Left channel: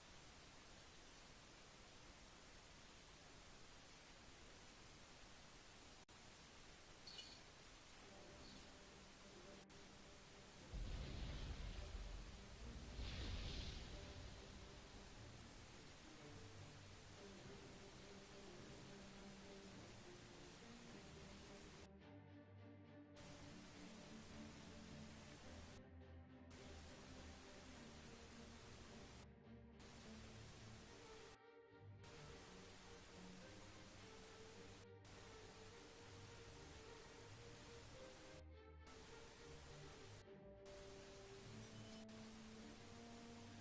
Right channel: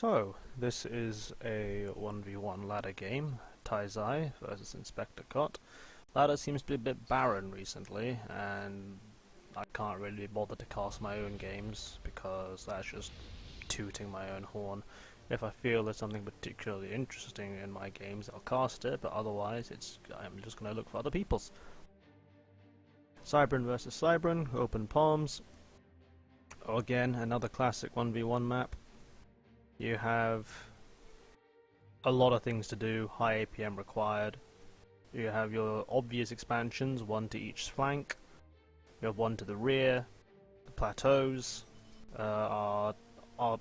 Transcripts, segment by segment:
So, this is a 1v1 ladder game, Taizai versus Inspector Cot. Ladder seems to be a bit barren recently, and I can't really be bothered to cast my own games, because that's just tooting my own horn. If I feel there's something particularly interesting in my games, I'll cast it, but otherwise I'm just going to look for other people's. Cybran versus Cybran, open palms. Again, another classic 1v1 map. You have a lot of things to do, high APM required. You have your obvious expansions, one to each flank. You have one to the rear. The plateaus are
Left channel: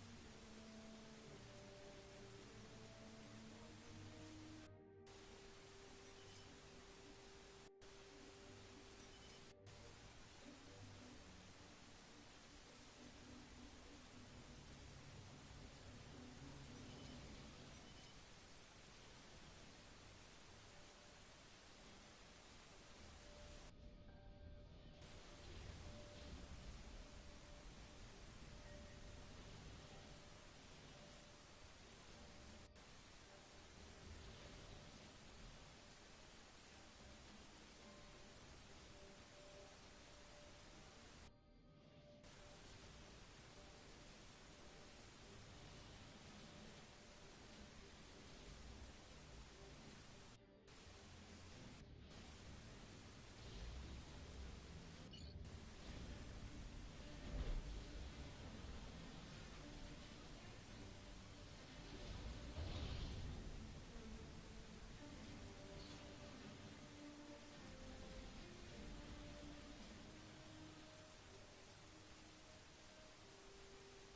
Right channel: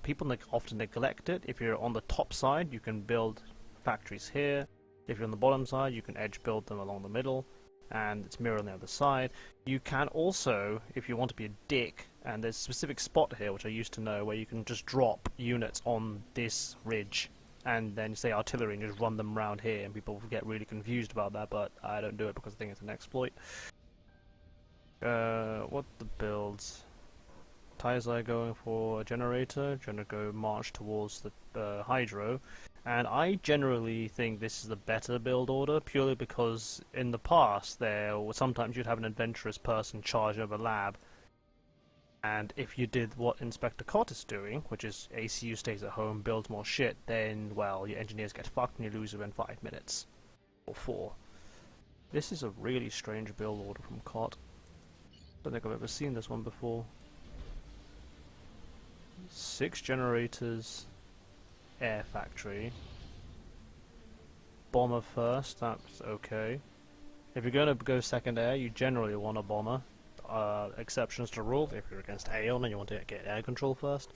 people often neglect it. If you're on the top side, you can build factories here. If you're on the bottom side, you can edge build them along the middle, and it's mirror on the other side. You can also, if you want to be a dick, and there's a specific spot here which I used to know where you can just drop units on this ridge and then say artillery and just run them around here, and people get really confused about that, but I don't do it because I think it's an exploit. What the builds? Taizai going for a generator, trying to go march towards the hydro, and I generally think this is the better build order, purely because in the past sometimes you'd have an adventurous person charge over lab, and if you did what Inspector Cot is doing, which is ACU stays at home, builds more shit, then, well, your engineers get fucked and you lose within 5 minutes. Or 4. This is a really strange build order from Cot. Don't think I've ever seen this one before. 6 generators, air factory. Bomber first, that's okay. If you're going to go second air, you generally want a bomber. Exceptions to rule, if you're against Aeon and you want to get air control first.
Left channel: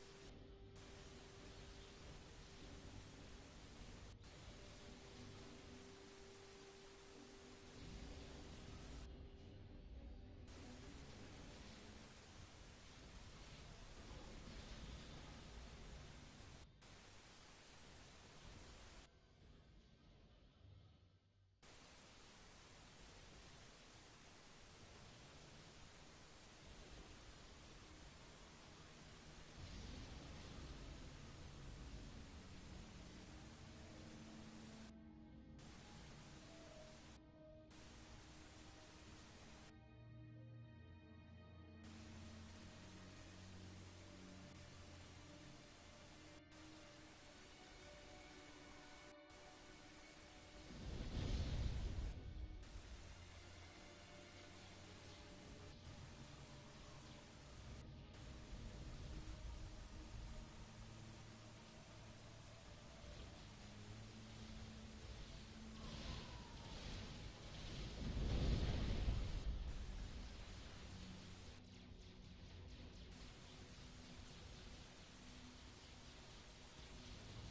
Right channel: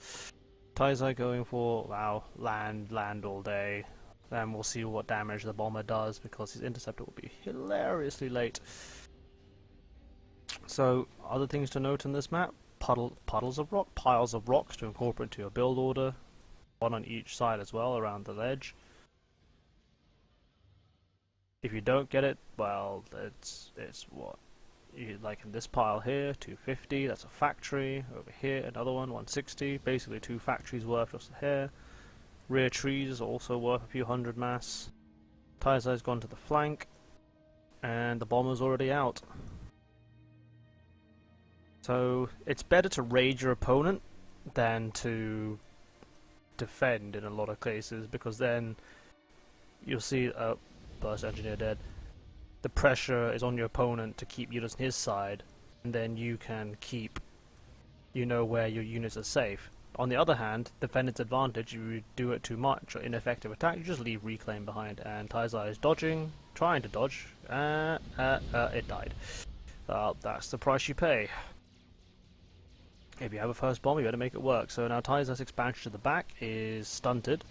Taizai going for, wow, land all day. Then we'll see what damage the bomber does, because his interceptor will be hilariously late. So, other things to note in this map, piles of rocks to incorporate into your build order. One on each side as well, around the ledge. If you don't get it, well, it's what? Like in this pile here, 250, that's a factory. Over here, another one, 160. Basically 2 factories worth just here. Rear trees is also worth a few hundred mass. Taizai's gone to the flank, and the bomber's already out. So it's better to raid your opponent than to defend in a lot of cases, because then you'll see burst engineer dead. The pressure is on your opponent to keep units on his side, and then you can know where your units are safe. On the other hand, defendant's advantage, you do it too much or ineffective attack, you just leave reclaim behind, and Taizai is dodging, trying to dodge, it died. That's the price you pay. If you have a first bomb, you better make it work. So now Taizai's expansion to the back is stunted.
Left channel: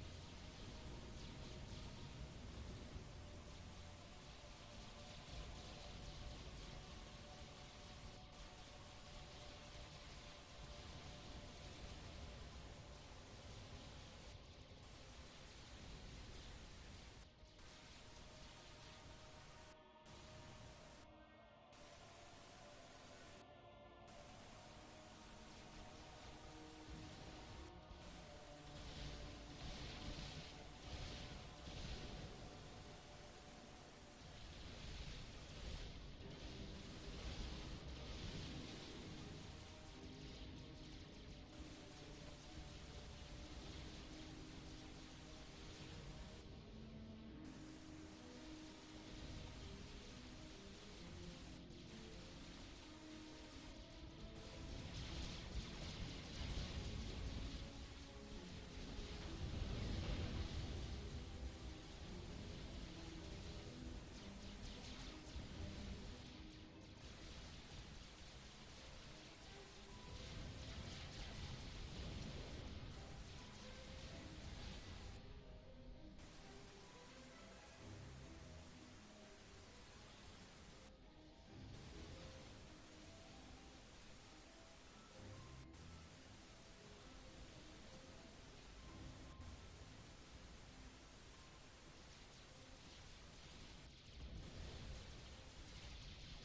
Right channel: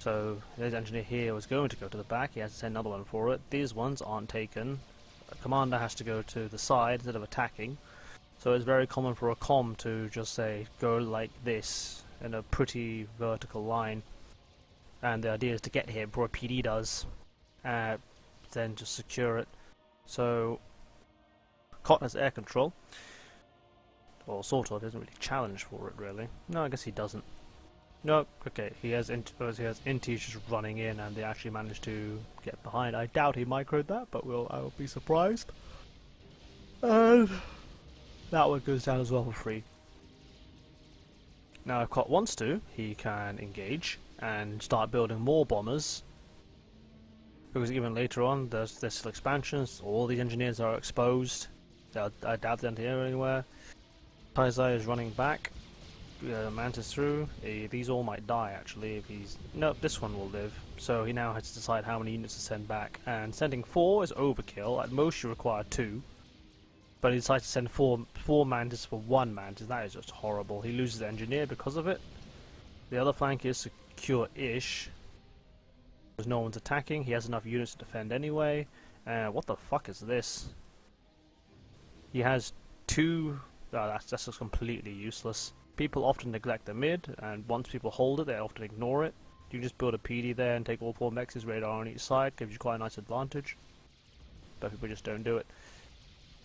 So his engineer here was going to go to the back, he has to send another one for it. These ones aren't taken. A commander has to go to the side instead of attacking. So it's very common for a comm to just say, go like this, in a pretty vertical line. And the idea is to get here before a PD does, then just secure it. So, Cot has air control. Or sort of, isn't really challenged for it really. No, I guess he doesn't. No, okay, he has Intis just running in, and they actually managed to get behind. I doubt he microed that, but I will be surprised. And that one goes down as well for free. Now if Cot wants to, he can engage and start building more bombers, because even later on there's still expansions, all the engineers are exposed. I doubt they're here anywhere. Taizai is running back. Mantis through. These all might die actually. If he's no, this one will live. So he now has to decide how many units to send back. And sending 4 is overkill. At most you require 2. But he decides to send four Mantis for 1 Mantis. That is just horrible. He loses the engineer because of it. The other flank is secure-ish, because no one's attacking. He has enough units to defend anyway. What the fuck is this? He has 2. That's just completely useless. People often neglect the mid, and once people hold it, they often ignore it. You just build a PD there and take all 4 mexes, radar on each side, gives you quite a nice advantage. But people just don't do it.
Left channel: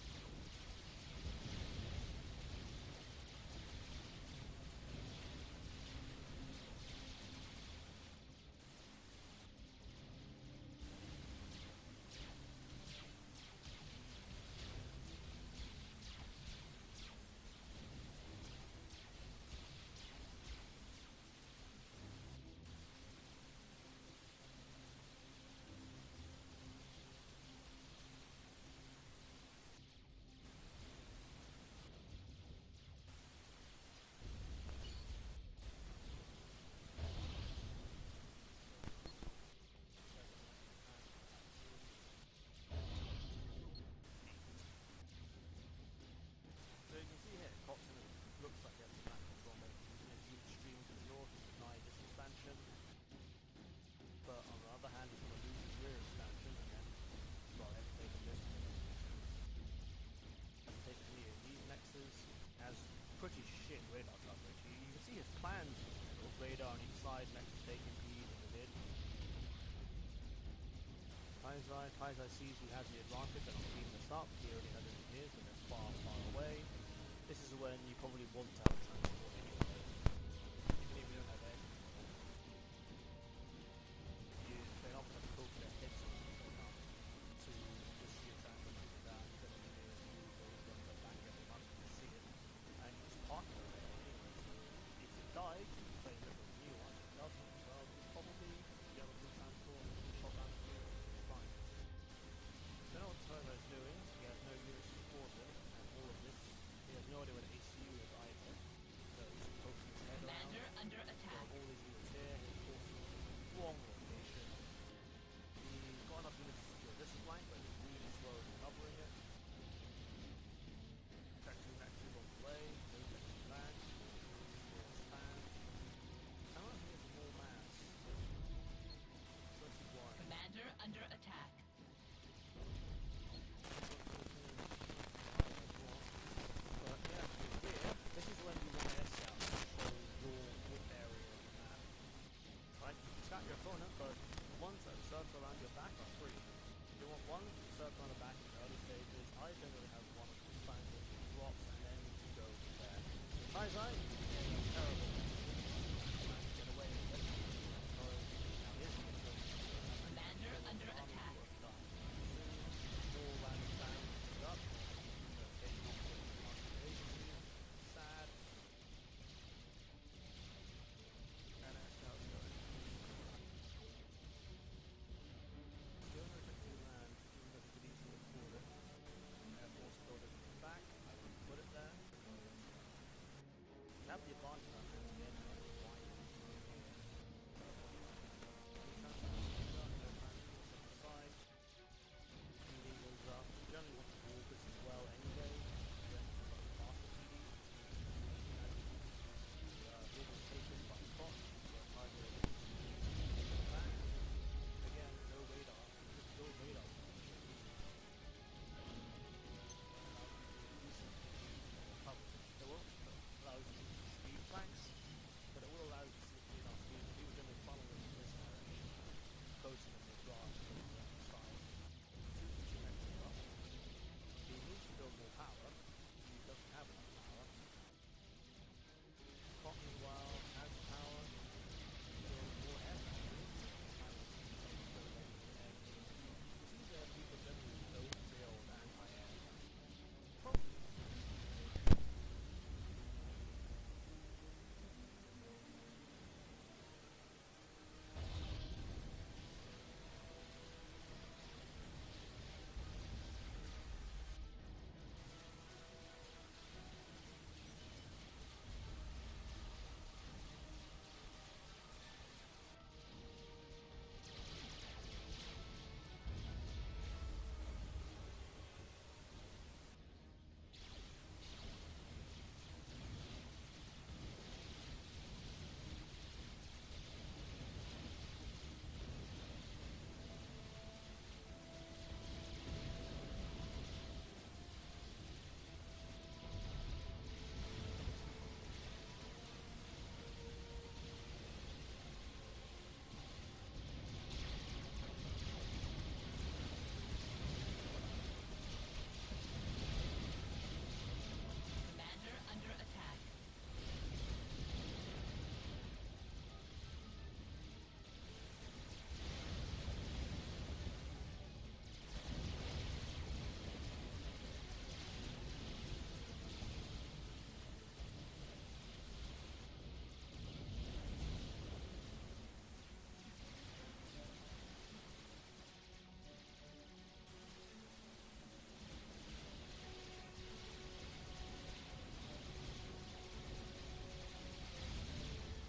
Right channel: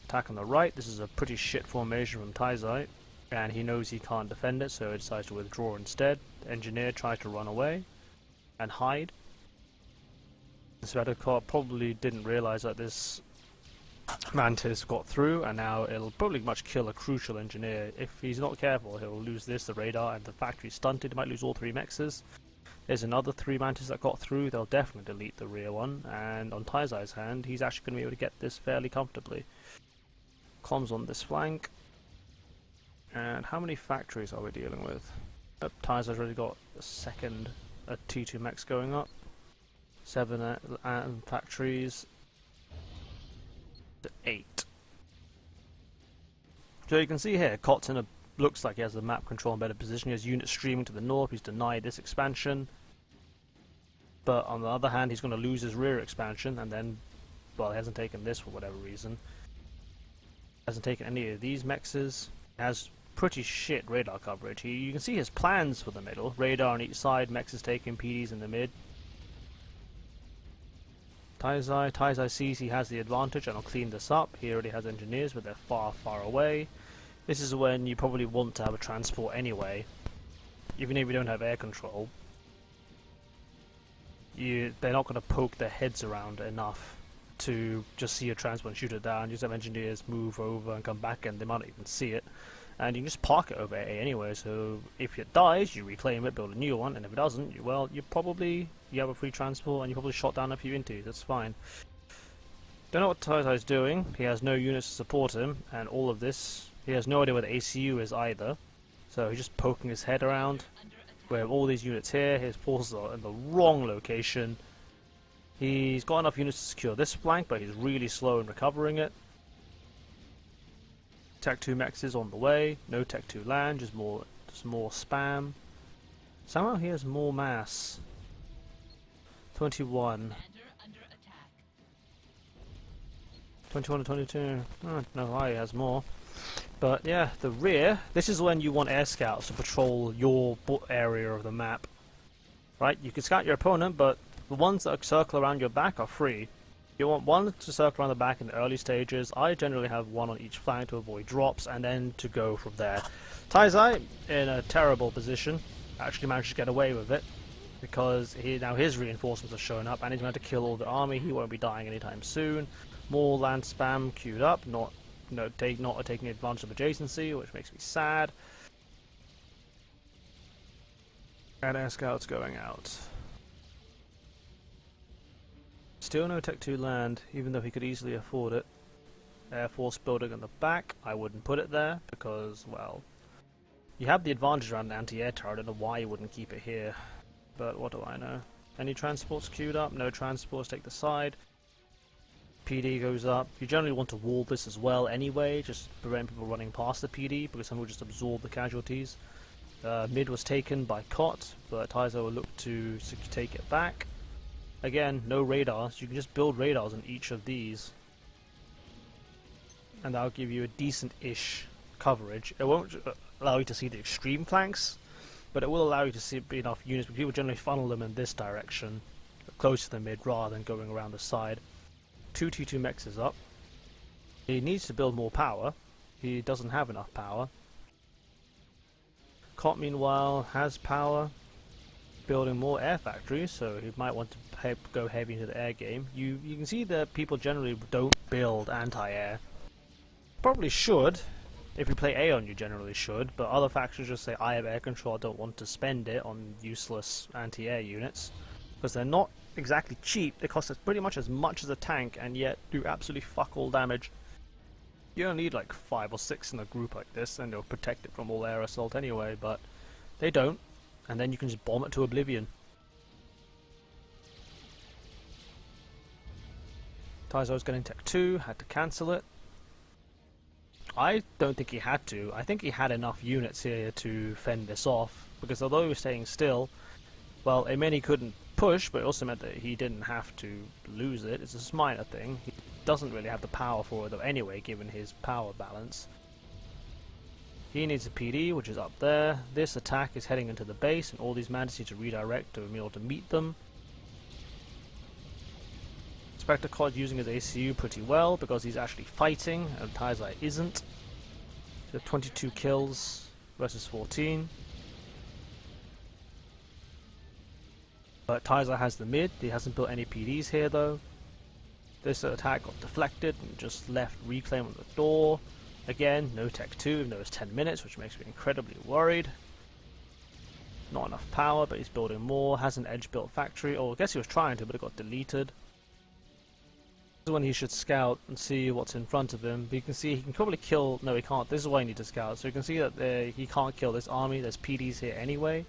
Attack on the right, this is a pretty shit formation from Taizai, and he knows he can't defend it, so he decides to withdraw instead. The engineer tried to run away and hide. Svetokar probably didn't realize that this Mantis got through, and now it'll probably much kill a crucial engineer. If he's not careful, he'll lose this, the radar, and the factory stunted. He might lose all 3 mexes. There's another 3 Mantis that got through. They'll definitely delete the rear one, and on Taizai's hand, he's actually going to be able to get this fairly comfortably. Comms on this flank. And how many factories are we dealing with? Taizai's already got a T2 Mex going up. 7 factories. 8. So you can see here, Kotzin looks like he has the map control in better position. He has units streaming to the north. He's denied this expansion. But on the other hand, he's going to lose his rear expansion, and then, well, he hasn't taken this for whatever reason. Hasn't taken any of these mexes. Has pretty shit radar coverage. You can see his plans for the middle. Radar on each side, mexes taking PDs in the mid. Taizai sees he has the advantage and will clean this up. He already has engineers, but they're far, far away. This is when you probably want to have a transport anyway. Even if you don't have air control, they're not going to poke their heads around enough to just see a transport and shoot it down. You just have engineers move over and come back, and they might not even see it. And you can just park it over A anyway, so if it dies, you reclaim it, build a new one, and if it doesn't, you have a free transport, and you probably shot down a few intis. That's fine. Don't know what Taizai's doing. He has no units to support him, and all of this, he has no idea where the ACU is either. So he's just poking his head around. We have all these units here. His forces are in the wrong location. He's got enough units to secure this flank, but he's really slow in recovering it. Tech 2 mexes on the way. No Tech 2 land, just more spam. Somehow he has more mass. 21. 21 and 22. I don't know why he has more. But yeah, the rear, this is when you want air scouts to patrol your area of the map. Right? You can scout your opponent, but the ones that circle around your back are free. You want one to circle around the back in the early stages. I generally have one on each flank to avoid drops, and then to go from there. Taizai, in a terrible position, actually managed to get away with it, because now his reinforcements are showing up, and he's going to kill all the army. He won't be dying anytime soon. More land spam queued up, not taking advantage of adjacency, which makes me sad. And air scouts going out. Still no Tech 2 land, even though he could easily afford it. Air Force building on the back, I wouldn't put it there, because, well, you have the advantage around an anti-air turret. I don't know why you wouldn't keep it here, but what do I know. Any transports queued up? No transports, take the side. PD goes up. You generally want to wall this as well anyway, just prevent people running past the PD, because some will just absorb the casualties. Mid was taken by Kot, but Taizai will look to take it back. Again, no radars. You can just build radars on each of these, and that'll give you a decent-ish coverage. It won't allow you to see the extreme flanks, but it will allow you to see enough units. But people generally funnel them in this direction, close to the mid, rather than going around the side. 2 T2 mexes up. He needs to build more power. He doesn't have enough power. Kot, meanwhile, has power, building more air factories, so he might want to go heavy into the air game. You can see that people generally don't build anti-air. Probably should. If you play Aeon, you generally should, but other factions just say, I have air control, I don't want to spend it on useless anti-air units, because they're not exactly cheap. They cost us pretty much as a tank, and yet do absolutely fuck all damage. You only need like 5 or 6 in a group like this, and they'll protect it from all air assault anyway, but they don't, and then you can just bomb it to oblivion. Taizai was getting Tech 2, had to cancel it. I don't think he had to. I think he had enough units here to fend this off, because although he was staying still, well, it meant he couldn't push, but it also meant that he didn't have to lose it. It's a minor thing. He doesn't really have the power for it though anyway, given his power balance. He needs a PD, which is up there. This attack is heading into the base, and all these Mantis need to redirect to be able to meet them. Spectre Kot using his ACU pretty well, because he's actually fighting, and Taizai isn't. So 22 kills versus 14. But Taizai has the mid, he hasn't built any PDs here though. This attack got deflected and just left Reclaim on the door. Again, no Tech 2, even though it's 10 minutes, which makes me incredibly worried. Not enough power, but he's building more. Has an edge-built factory, or I guess he was trying to, but it got deleted. This is when he should scout and see what's in front of him. You can see he can probably kill... No, he can't. This is why you need to scout. So you can see that he can't kill this army. There's PDs here anyway.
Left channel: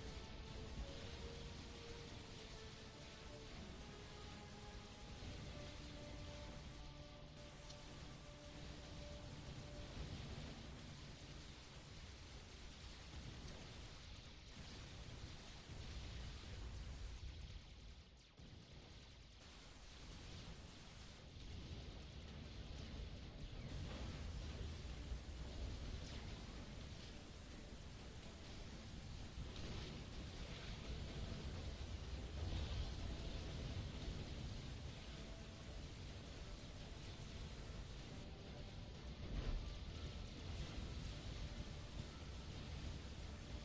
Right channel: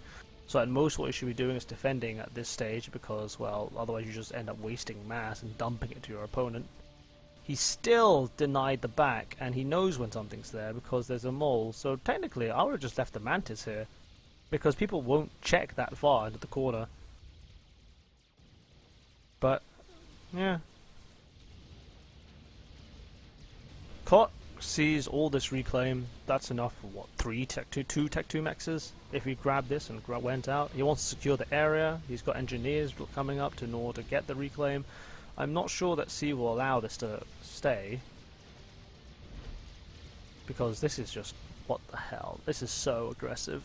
So at most what you should be doing is defending at this stage because, well, otherwise you just end up wasting mass and dumping it to your opponent. He still denied the back, and he knows when something's there because there's a mole. So technically, I would have just left the Mantis here, because people won't check that far into the corner. But, yeah. Kot sees all this Reclaim. That's enough for what, 2 Tech 2 mexes? If he grabbed this and went out. He wants to secure the area. He's got engineers coming up in order to get the Reclaim. I'm not sure that C will allow this to stay, because this is just, what the hell, this is so aggressive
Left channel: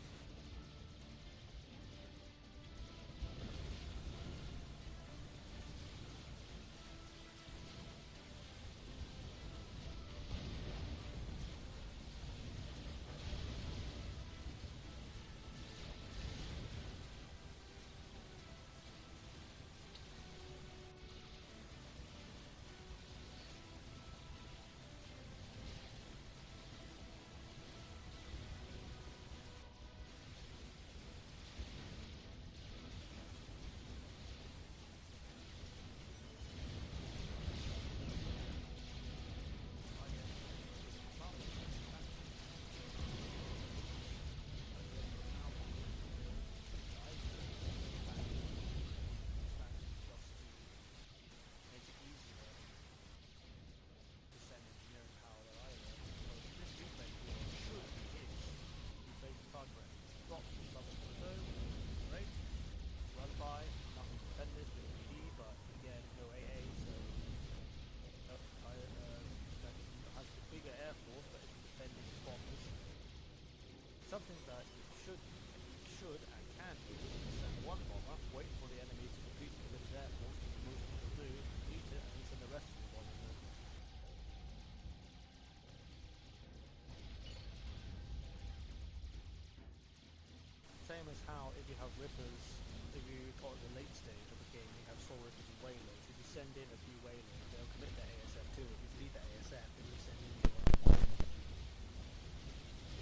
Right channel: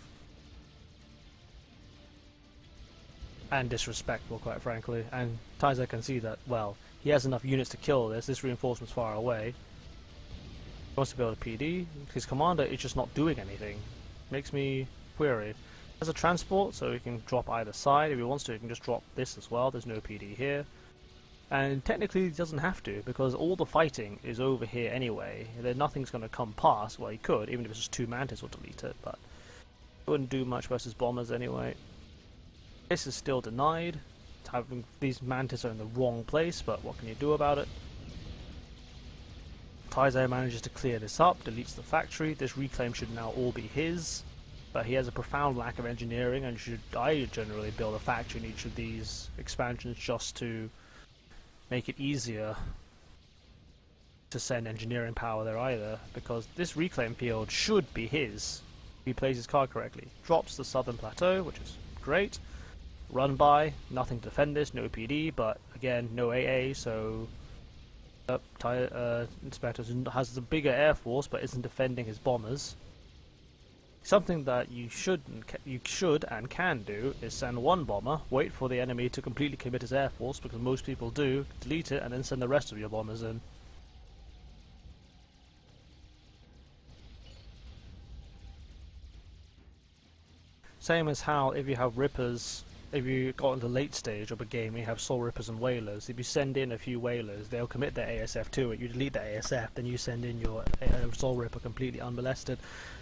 and disrespectful, quite frankly. And Taizai can see that, well, he has enough units to kill this reinforcement's far away. He wants to build a PD. His commander is just not doing anything. Makes me query. Has a transport, so he can drop either side. If he wants to, he can just drop this as well. There's no PD here. And technically he doesn't have to, because all the fighting is over here anyway. Nothing's going to come past. Well, he could, even if it's just 2 Mantis will delete it, but it wouldn't do much versus bombers anyway. This is still denied. These Mantis are in the wrong place, but what can you do about it? Taizai manages to clear this up, deletes the factory. This Reclaim should now all be his, but he has a profound lack of engineering, and I generally build a factory in each of these expansions just to make it easier to send engineering power there either, because this Reclaim field should be his if he plays his card correctly. Drops the southern plateau, which is great. Run by, nothing to defend this, no PD, but again, no AA, so Inspector has the bigger air force but isn't defending his bombers. Something that you should and can do is send one bomber, wait for the enemy to completely commit his air force, because most people do, delete it, and then send the rest of your bombers in. Same as how if you have Rippers, if you got in the late stage of a game, you have Soul Rippers and Whalers. If you send in a few Whalers, they'll commit their ASF to it. You delete the ASF, then you send in your Soul Ripper completely unmolested.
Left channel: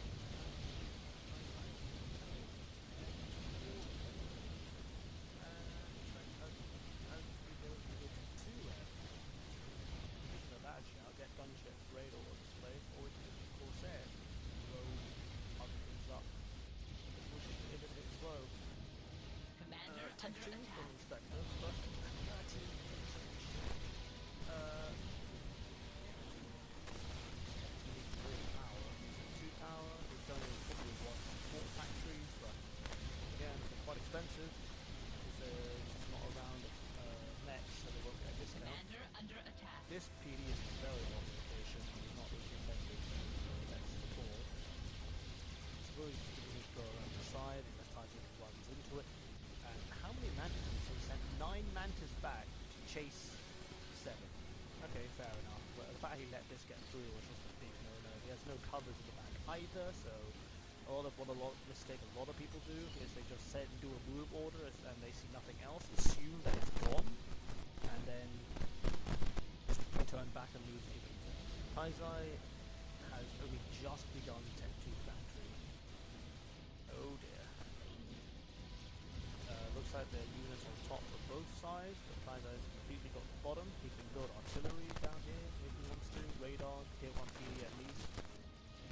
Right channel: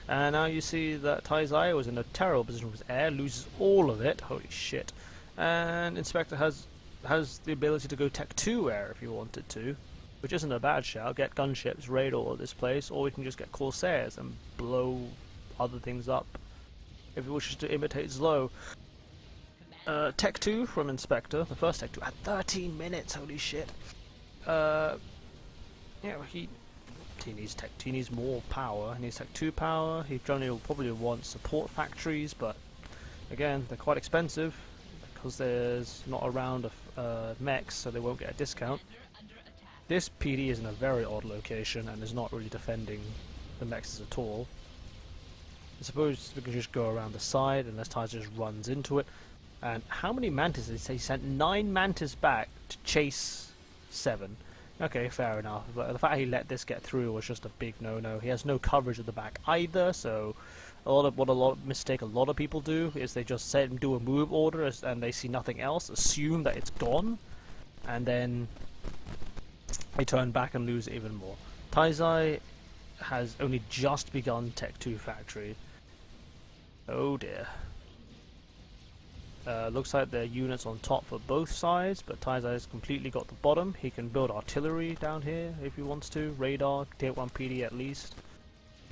And now you see that Taizai was in a terrible position with air, loses all of it, holy shit. And Inspector has the ability to go Tech 2 air if you wanted to, which isn't a bad shout. Get gunships, raid all of this place, or we can just get Corsairs and blow other things up if he wishes to imitate Zlo. Tech 2 from Inspector, the first Tech 2 at 13 minutes, holy shit. Yeah, he needs more power. He needs Tech 2 power. He will probably want support factories, but again, they're quite expensive because there's not a round of mechs, so they won't get a discount. This PD is in a very odd location and is not really defending the mechs at all. I suppose we can just go around the side unless Taizai just runs into it. And how many Mantis did he say? He sent 9 Mantis back to chase 7. Okay, fair enough. But the fact he let this get through was just a big no-no. He has no coverage at the back either, so a lot of people do is they just set and do a move order and they see nothing else, assume that it's gone, and then they turn back and lose it even more. Taizai has only just begun Tech 2 factory. Oh dear. Looks like there are units on top for both sides, but Taizai's completely got the bottom. He can build artillery down here if he wants to, radar, tier 1 PD at least.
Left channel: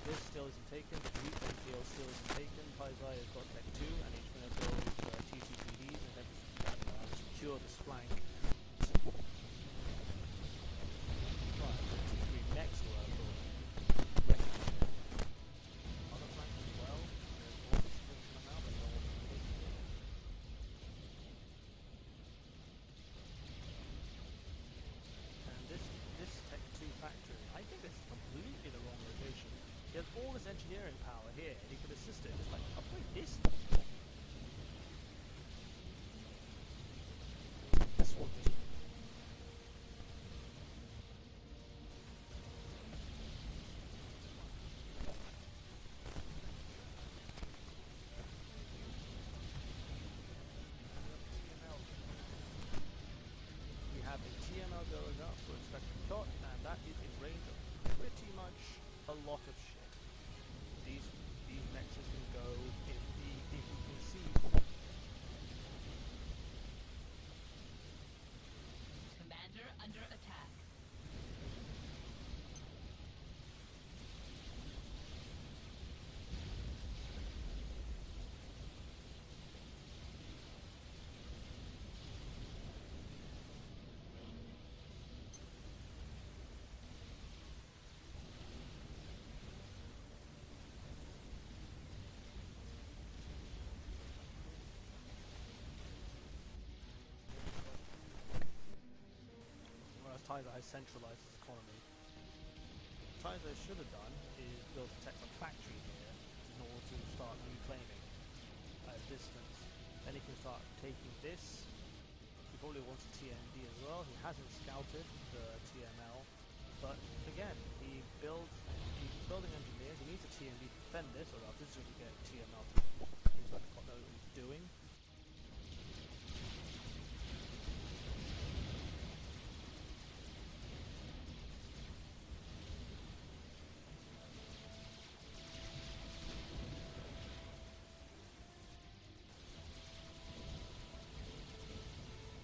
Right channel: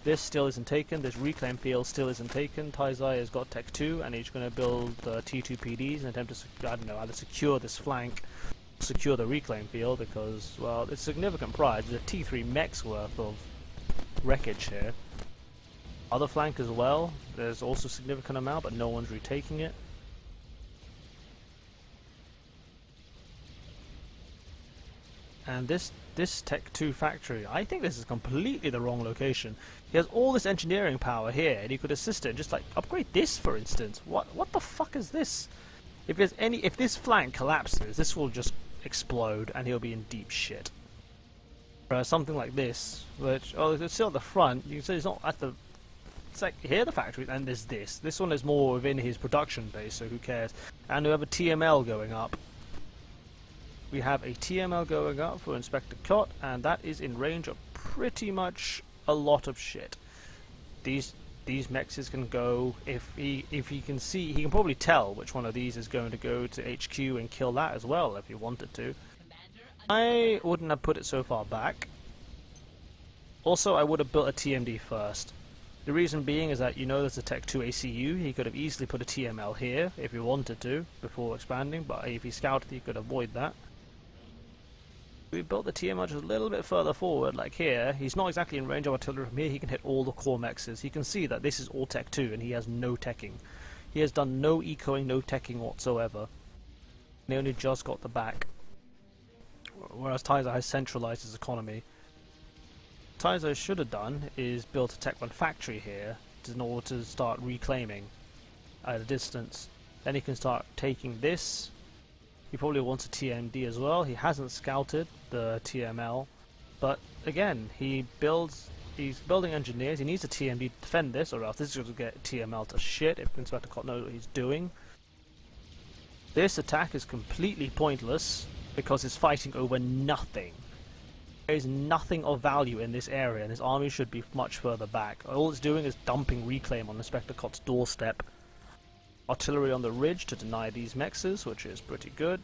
This still isn't taken, this Reclaim field still isn't taken. Taizai has got Tech 2 and he's going to build T2 PDs and attempt to, I don't know, either secure this flank, secure the Reclaim field, because, well, it's a significant prize. There's a T3 mech's worth of wreckage here. Other flank as well, there's also a significant amount, but no one's retaking it. And this Tech 2 factory, I think this is completely the wrong location. He has all this engineering power here, and he could assist it and just like upgrade this, for instance. What the fuck is this? If this flank collapses, this will just explode and he'll be in deep shit. Something like this, which, oh, you can see at the front, you can see it's not at the, it's like here the factory, and there's this. This one is more within his production base, so who cares? And we have a TML going up. We have a TML going up for Inspector Cot, and that is in range of pretty much a lot of shit. These mexes can go, if he can see, he can probably tell which one of these is going to go to HQ and kill that as well if he wanted to. I wouldn't have put it so far back. Also, I would have built a TMD first. The reason being is that you know there's a Tech 2 ACU, he could have easily put a TML here if he wanted to before expanding, but if he scouted he could avoid that. We built the TML just a little bit further forward, like here. He's not exactly in range of artillery from here, he can hit all the core mexes. He can see that this is all Tech 2 and he has no teching. He has done no ecoing, no teching whatsoever. And he only just got the back. Whereas Taizo has centralized his economy. Taizo should have done is built a Tech 1 factory here in order to start reclaiming at a distance. Then he can start taking this. He probably wants a TMD as well. He hasn't scouted the TML, but again, he's building engineers. He needs a TMD to defend this, or else this is going to get TML to shit if Inspector Cot knows what he's doing. This attack is completely pointless because it's fighting over nothing. There is nothing of value in this area, and his army should be much further back. All it's doing is dumping reclaim on Inspector Cot's doorstep. Artillery on the ridge to deny these mexes, which is pretty good.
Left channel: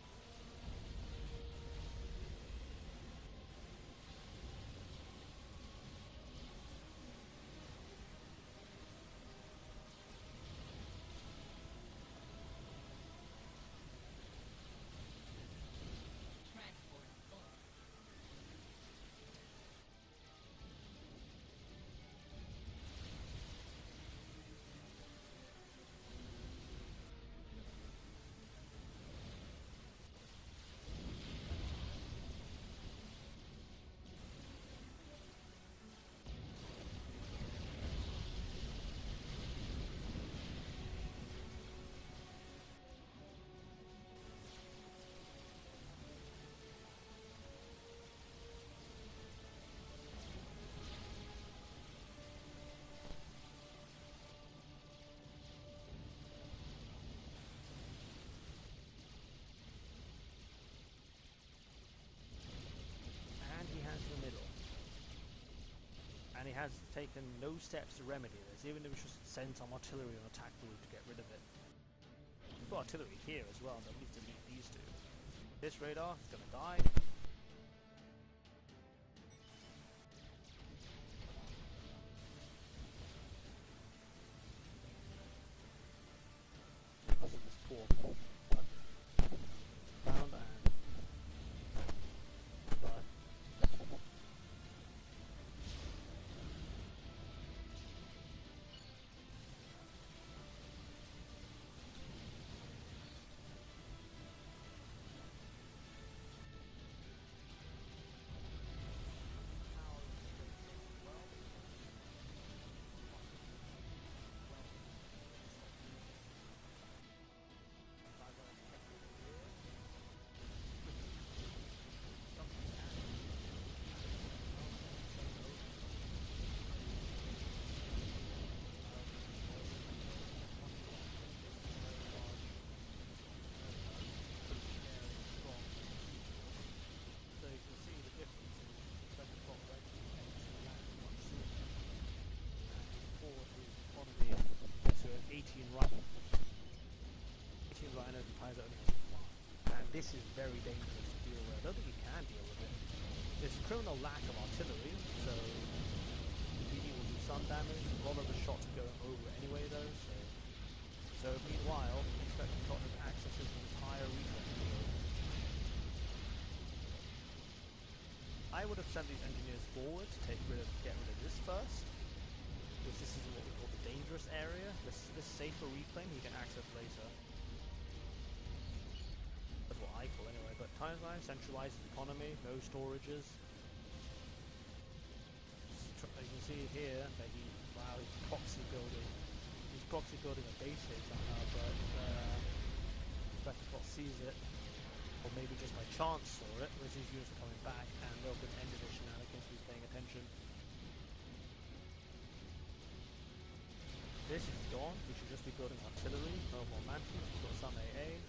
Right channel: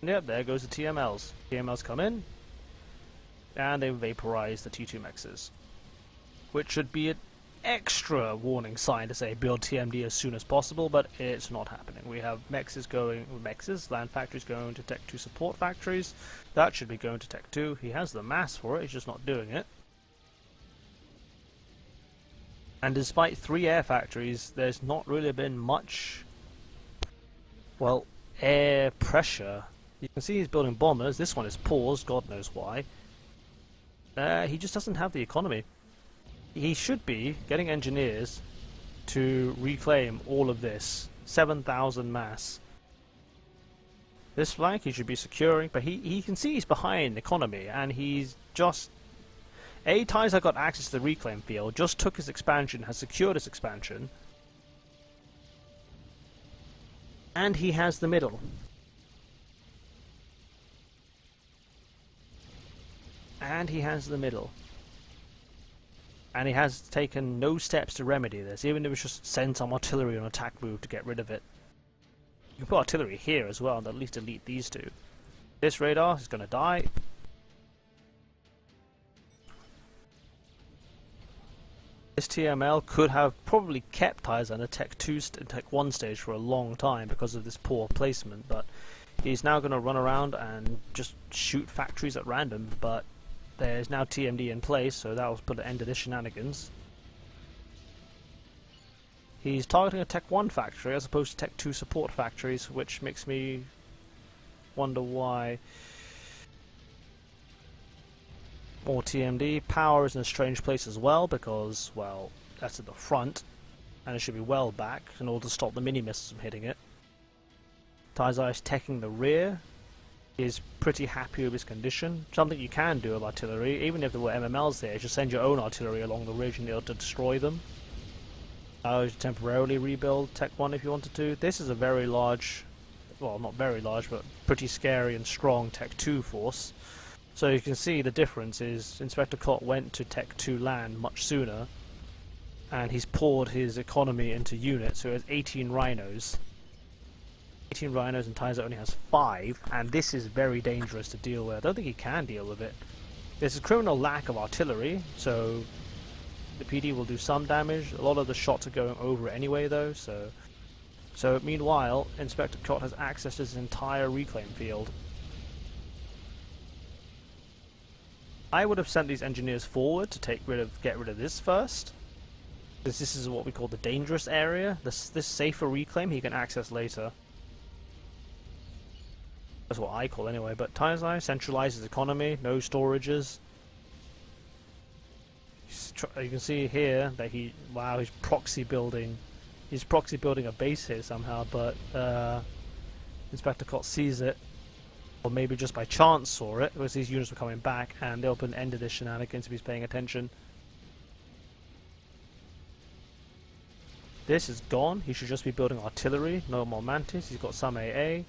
And yep, there goes the TMLs. TMLs come in, and they vaporize the T2 mexes. Which should be an extra warning sign to say build TMD as soon as possible, but it's not happening. We have land factories going to Tech 2 support factories. That should be going to Tech 2. He has the mass for it, he's just not doing it. And despite 3 air factories, there's not really been much, well, air pressure. You can see he's building bombers. This one is paused, God knows why. He just doesn't have the economy. He should be getting engineers to reclaim all of this. 7,000 mass. This flank he should be securing, but he can see he's behind economy, and he's just... Taizo got access to the reclaim field, just took his expansion, has secured his expansion, and he has the middle. And he has taken no steps to remedy this, even if it was just send some artillery on attack move to get rid of it. You can put artillery here as well and at least delete these two. This radar is going to die. This TML could have probably kept Taizo in a Tech 1 stage for a long time because of this poor placement, but he's now going to run around and just shoot factories at random, but there's now TMD in place, so that will put an end to this shenanigans. He's targeting a Tech 1 factory as opposed to Tech 2 support factories, which makes me wonder why. More TMD. Power is in a strange place as well because, well, that's at the front and it should be well back in order to stop the mini missiles from hitting it. Taizo is teching the rear. Is pretty happy with his condition. Something you can do with artillery, even if there were MMLs there, just send your own artillery along the ridge and be able to destroy them. Temporarily rebuild Tech 1 if you wanted to. This is a very large, well, not very large, but pretty scary and strong Tech 2 force. So you can see the difference is Inspector Cot went to Tech 2 land much sooner, and he's poured his economy into units, so he has 18 rhinos. 18 rhinos and Taizo only has 5, and this is very dangerous to deal with. I don't think he can deal with it. There's a criminal lack of artillery, so the PD will do some damage. A lot of the shots are going over it anyway though, so meanwhile, Inspector Cot has access to his entire reclaim field. I would have sent these engineers forward to get rid of this first, because this is what we call the dangerous area. This safer reclaim he can access later. That's what I call anyway, but Taizo centralizes economy, no storages. You can see here that he's proxy building a base here somehow, but Inspector Cot sees it, or maybe just by chance saw it, because these units were coming back, and they'll put an end to this shenanigans if he's paying attention. This is gone. He should just be building artillery. No more Mantis. He's got some AA.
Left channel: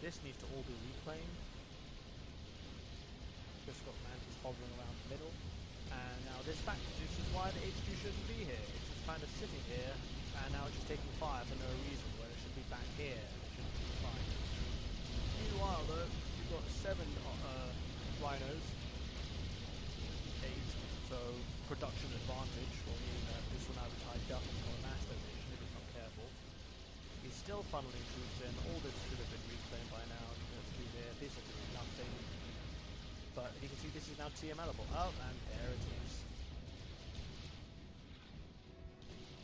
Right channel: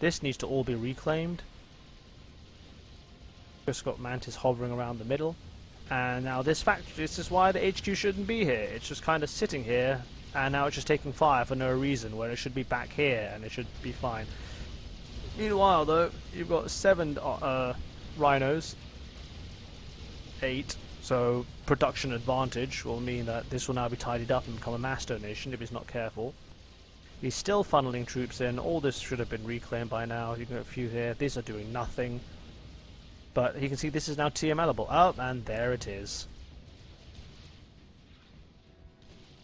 This needs to all be reclaimed. Just got Mantis hovering around the middle. And now this factory, this is why the HQ shouldn't be here. It's just kind of sitting here, and now it's just taking fire for no reason, where it should be back here, and it should be fine. Meanwhile, though, you've got 7 rhinos. 8. So production advantage will mean that this will now be tidied up and become a mass donation if he's not careful. He's still funneling troops in. All this should have been reclaimed by now. You can get a few here. These are doing nothing. But you can see this is now TMLable. Oh, and there it is.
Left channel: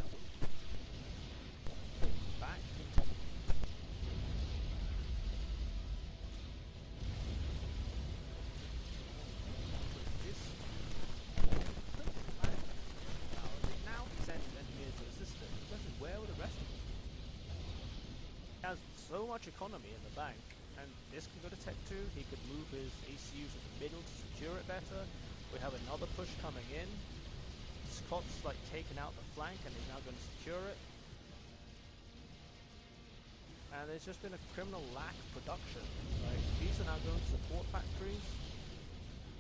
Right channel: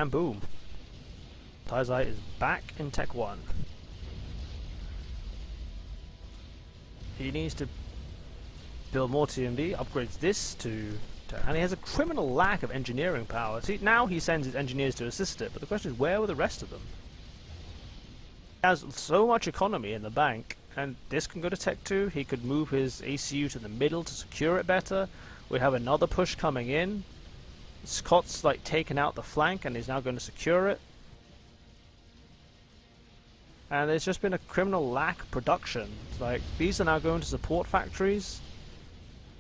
And boom. Taizai is back in Tech 1. He needs to build more TMD, upgrades this to... And he has a criminal lack of engineering power. See, now he sends his engineers to assist it, but the question is, where were the rest of them? He has so much economy in the bank, and this can go to Tech 2. He could move his ACU to the middle to secure it better. We have another push coming in. Scott's like taken out the flank, and he's now going to secure it. And there's just been a criminal lack of production. Like, these are now going to support factories.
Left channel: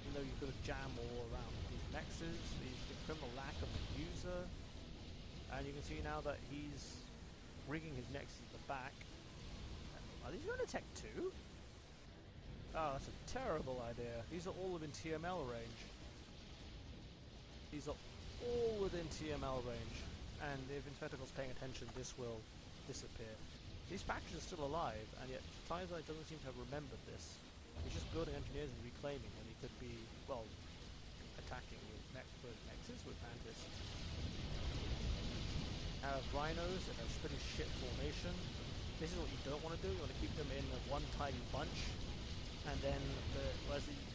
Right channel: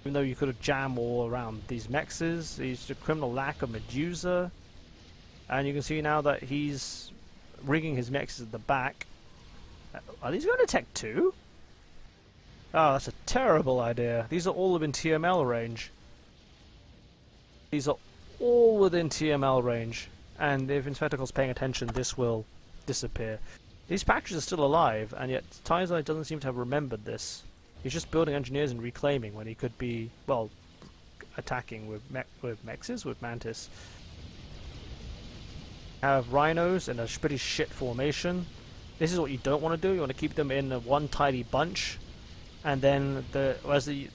Even though you could have jammed all around these mexes, he's a criminal lack of Medusa. And you can see now that he's rigging his mexes at the back. Are these going to Tech 2? Oh, that's a terrible idea. These are all within TML range. These are all within TML range. And if Inspector's paying attention, this will disappear. These factories are still alive, and yet Taizai doesn't seem to have remembered this. He's just building engineers and reclaiming when he could be, well, attacking with mexes, with Mantis. Have rhinos in a pretty shit formation. This is what you don't want to do. You want to keep them in one tidy bunch, and then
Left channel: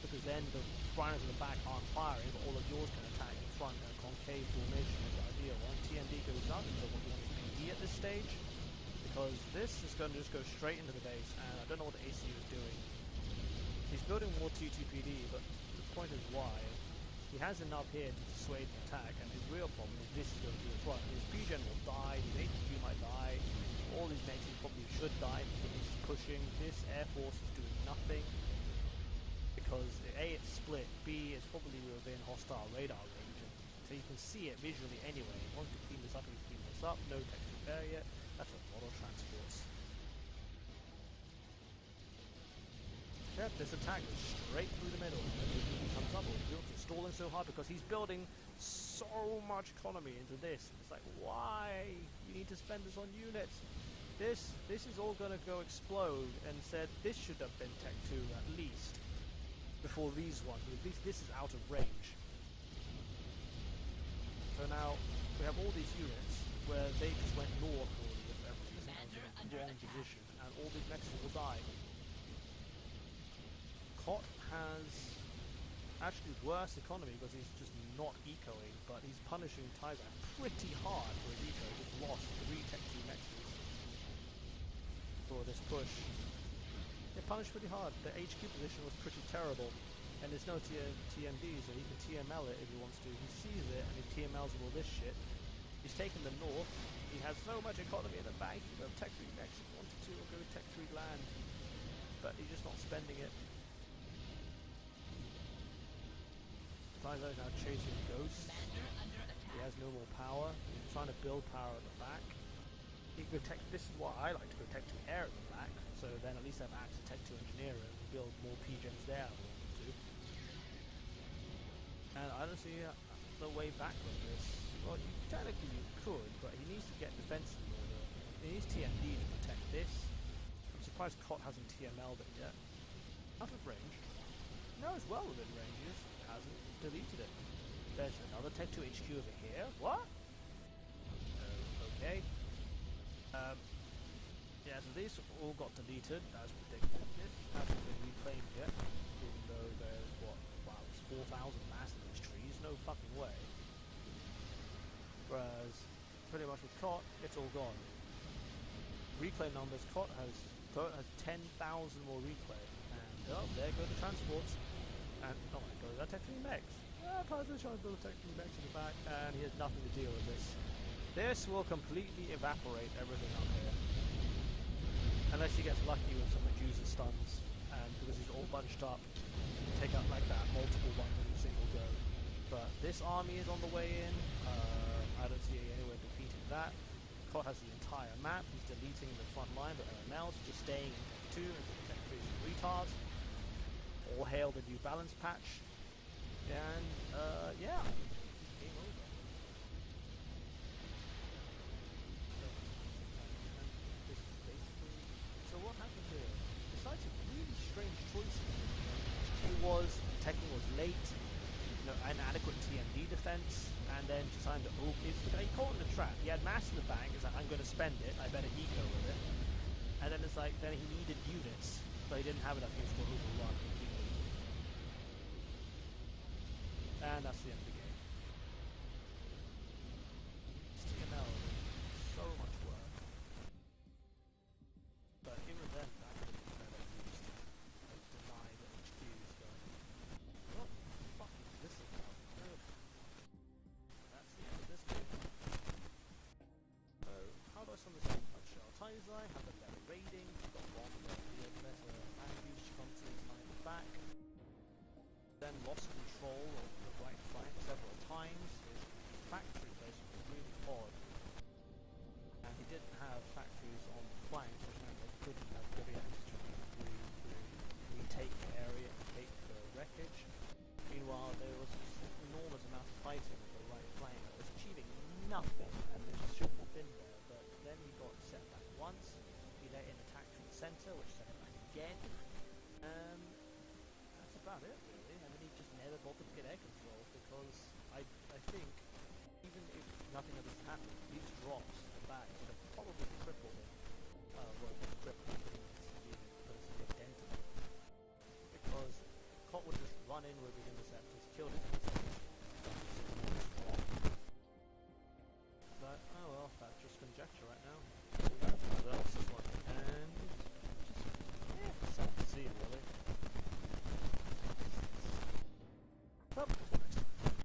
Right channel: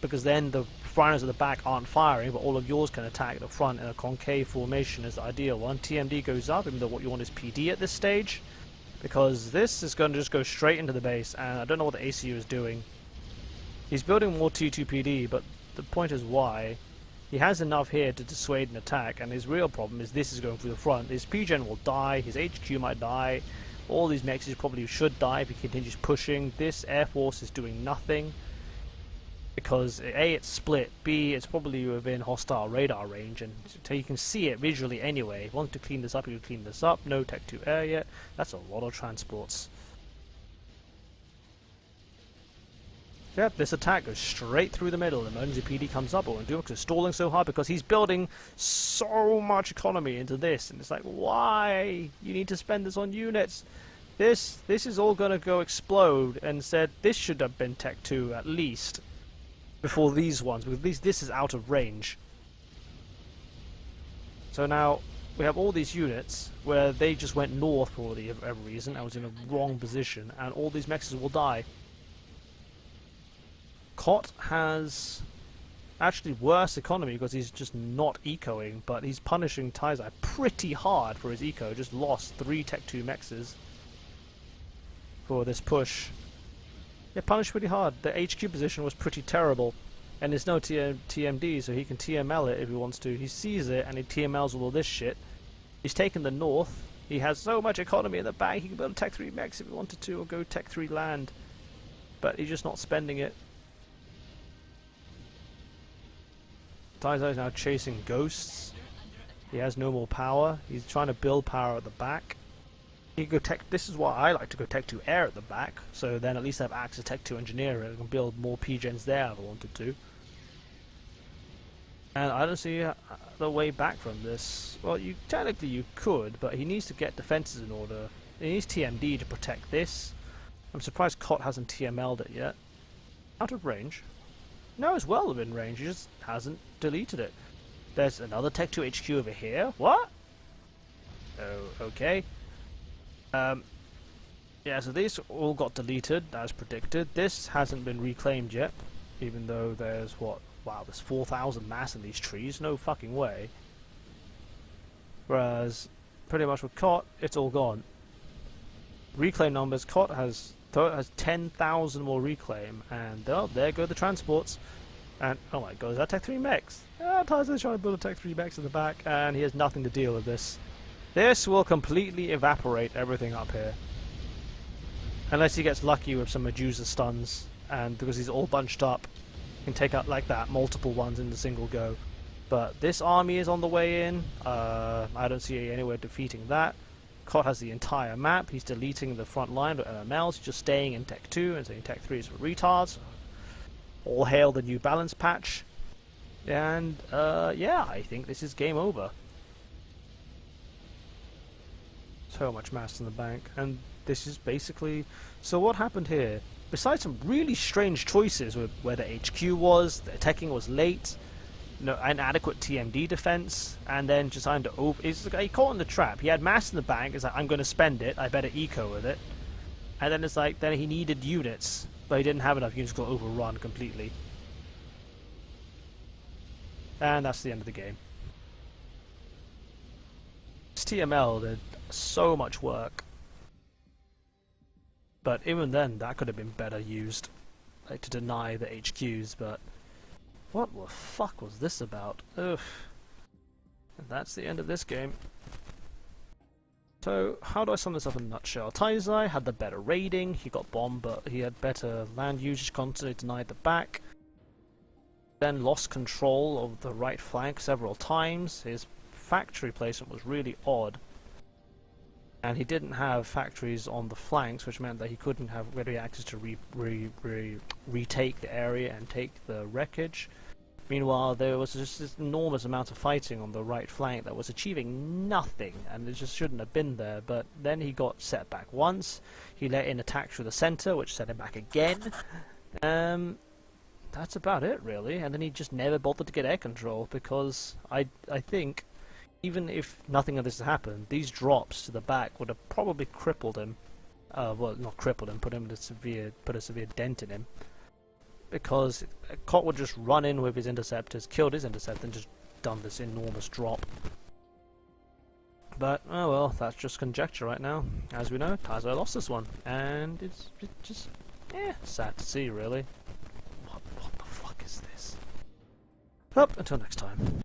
because then the rhinos at the back aren't firing, but all of yours can attack at the front in a concave formation is the ideal one. TMD goes up, even though what you want is PD at this stage, because this is going to just go straight into the base, and I don't know what the ACU is doing. He's building more T2PD, but the point is why. He has enough here to dissuade an attack, and his real problem is this is going through the front. His PGen will die, his HQ might die, all these mexes probably should die if he continues pushing. This Air Force is doing nothing, because A, it's split, B, it's probably within hostile radar range, and so you can see it visually anyway. If you want to clean this up, you can clean this up. No Tech 2 air yet. That's a lot of transports. Yep, this attack goes straight through the middle. Emergency PD comes up, and Dukes is stalling so hard because he's building so much economy into this, and it's like, why? You need to spend this on units. This is all going to go explode, and said this should have been Tech 2 at least before these ones, because at least this is out of range. So now we have all these units where they just went north for whatever reason. I was in a wrong position, and all these mexes will die. Cot has actually worse economy because he's just not ecoing, but he's punishing Taizai pretty hard for his eco. Just lost 3 Tech 2 mexes for this push. Yeah, punished pretty hard. The HQ position was pretty terrible, and there's no TMD, so he can TML it if he wants to. He sees it and he TMLs with all this shit. He's taken the north. He has so much economy in the bank, he can build a Tech 3 mex if he wanted to, or go Tech 3 land. But he's just not spending it. Taizai is now chasing ghosts. He has no more power. He's trying to build power at the back. He can go Tech. This is why I like to go Tech 2 air at the back. So then at least I have access to Tech 2 engineering and can build more PGens there if I wanted to. And I don't see the way back from this. Well, technically you could, but he needs to get defenses in order. He needs TMD to protect this. I'm surprised Cot hasn't TML'd it yet. Out of range. No, it's well within range, he just hasn't deleted it. There's another Tech 2 HQ over here. What? Oh, okay. Yeah, so these all got deleted, as predicted. This hasn't been reclaimed yet, even though there's, what? Wow, there's 4,000 mass in these trees. No fucking way. Whereas, pretty much with Cot, it's all gone. Reclaim numbers, Cot has Koa has 10,000 more reclaim, and oh, there go the transports. And oh my god, is that Tech 3 mechs? Ah, Taizo's trying to build a Tech 3 mechs in the back, and he has nothing to deal with this. This will completely evaporate everything up here. Unless he gets lucky with some Medusa stuns, and because he's all bunched up, he can take out like that, multiple ones in a single go. But this army is on the way in. I don't see anywhere defeating that. Kot has the entire map. He's deleting the front line of MMLs. He's just staying in Tech 2 and saying Tech 3 is for retards. All hail the new balance patch. And yeah, I think this is game over. So much mass in the bank, and this is basically... So what happened here? Besides some really strange choices with where the HQ was, the attacking was late, no inadequate TMD defense, and then just trying to he caught in the trap. He had mass in the bank. It's like, I'm going to spend it. I better eco with it. And then it's like, then he needed units, but he didn't have enough units to overrun completely. And that's the end of the game. This TML did so much work, but even then that could have been better used, like to deny the HQs. But what the fuck was this about? Ugh. And that's the end of this game. So how do I sum this up in a nutshell? Taizai had the better raiding, he got bombed, but he had better land usage, constantly denied the back, then lost control of the right flank several times. His factory placement was really odd, and he didn't have factories on the flanks, which meant that he couldn't have ready access to retake the area and take the wreckage. Meanwhile, there was just this enormous amount of fighting on the right flank that was achieving nothing, and it just shouldn't have been there. But then he got set back once. He let in attacks through the center, which set him back again. That's about it, really. And then he just never bothered to get air control, because I think, even if nothing of this had happened, these drops to the back would have probably crippled him. Well, not crippled him, put a severe dent in him. Because Kot would just run in with his interceptors, killed his interceptor, and just done this enormous drop. But, oh well, that's just conjecture right now. As we know, Taizai lost this one, and it's just, sad to see, really. What the fuck is this? Well, until next time.